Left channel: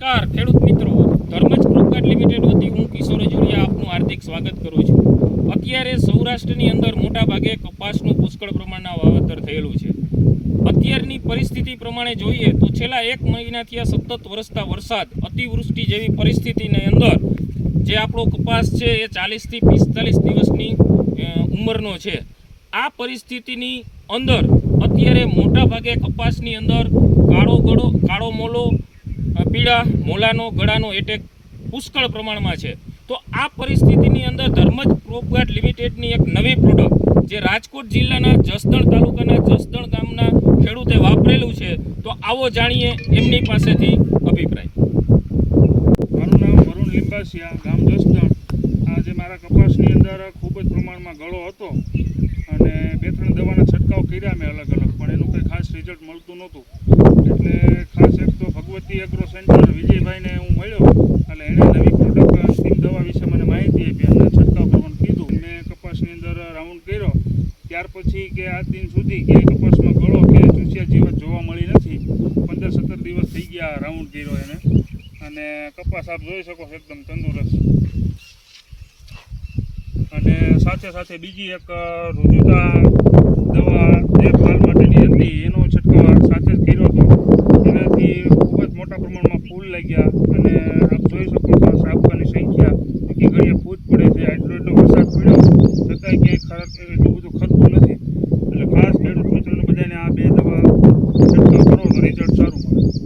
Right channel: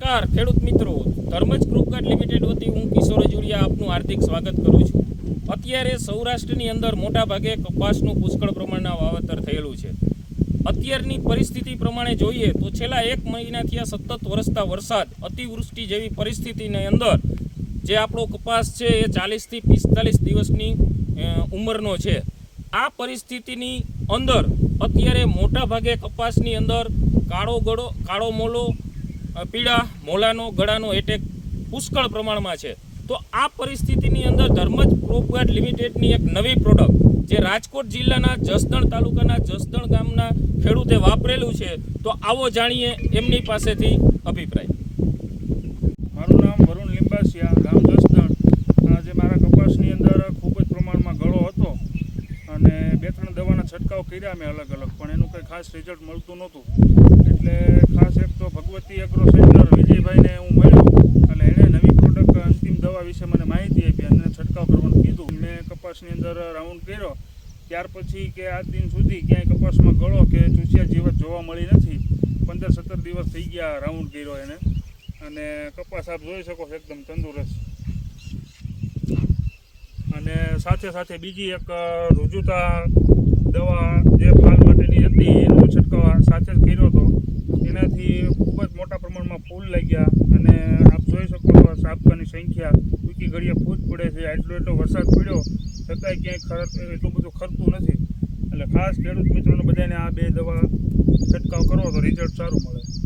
નમસ્કાર ખેડૂત મિત્રો, ધર્મજ ક્રોપગાર્ડ લિમિટેડ વતી હું કિશોર અજુરિયા આપનું હાર્દિક સ્વાગત કરું છું. અત્યારે સૌરાષ્ટ્રની અંદર મોટાભાગે કપાસનું પુષ્કળ પ્રમાણના વાવેતર થયેલું છે. અત્યારની પરિસ્થિતિ પ્રમાણે જોઈએ તો છેલ્લા 1 મહિનાથી સતત વરસતા વરસાદ, અતિવૃષ્ટિ જેવી પરિસ્થિતિની અંદર જે આપણો કપાસ છે એ 40 થી 45 દિવસની ઉંમરનો છે. આ પરિસ્થિતિની અંદર અત્યારે મોટાભાગે કપાસની અંદર કાળો મોલો, પીળા મોલાનો ગળાનો એટેક પુષ્કળ પ્રમાણમાં છે. તો આ પરિસ્થિતિની અંદર ધર્મજ ક્રોપગાર્ડ લિમિટેડની એક નવી પ્રોડક્ટ જે રાજકોટ જિલ્લાના જસદણ તાલુકાના જસદણ ગામના ખેડૂતે વાપરેલું છે, તો આવો જાણીએ એમની પાસેથી અભિપ્રાય. મારું નામ વરુણ લીંબાસિયા, ગામ જસદણ. આજે મારા કપાસની અંદર ખૂબ જ પ્રમાણમાં ગળો હતો અને 2-3 દવાના છંટકાવ કર્યા મેં અલગ અલગ, પણ એનું કંઈ ખાસ રિઝલ્ટ મળતું નહોતું. એટલે ખાસ એક તો ભગવતી એગ્રો સેન્ટર વિજયભાઈને હું મળ્યો અને એણે નવી પ્રોડક્ટ અંતિમ દવા વિશે મને માહિતી આપી અને છંટકાવ કરવાનું કીધું. મેં કપાસની અંદર રાઉન્ડ કર્યો, ત્યાર પછી કે આજ દિન સુધી ક્યાંય કપાસમાં ગળો કે ચૂસિયા જીવત જોવા મળી નથી. 15-17 દિવસ થઈ ગયા રાઉન્ડ કર્યો એને, અને કપાસ આપ જોઈ શકો છો એકદમ તંદુરસ્ત. અને સાથે સાથે બીજી એક રુજુતા દવા દેખભાલ માટેની હતી, એનો છંટકાવ સાથે જ કર્યો હતો. એનાથી ખૂબ જ મોટા પ્રમાણમાં ફૂલ લાગ્યા અને આપ જોઈ શકો છો સાબકાની સંખ્યા બીજી ઘડીએ ફૂટ પડે છે. એટલો વરસાદ પડ્યો છતાંય ક્યાંય એટલું બધું ખરતું નથી. એટલે ખાસ ખેડૂત મિત્રોને બધાને આ 2 દવા છંટકાવ કરો તો રિઝલ્ટ સારું મળે.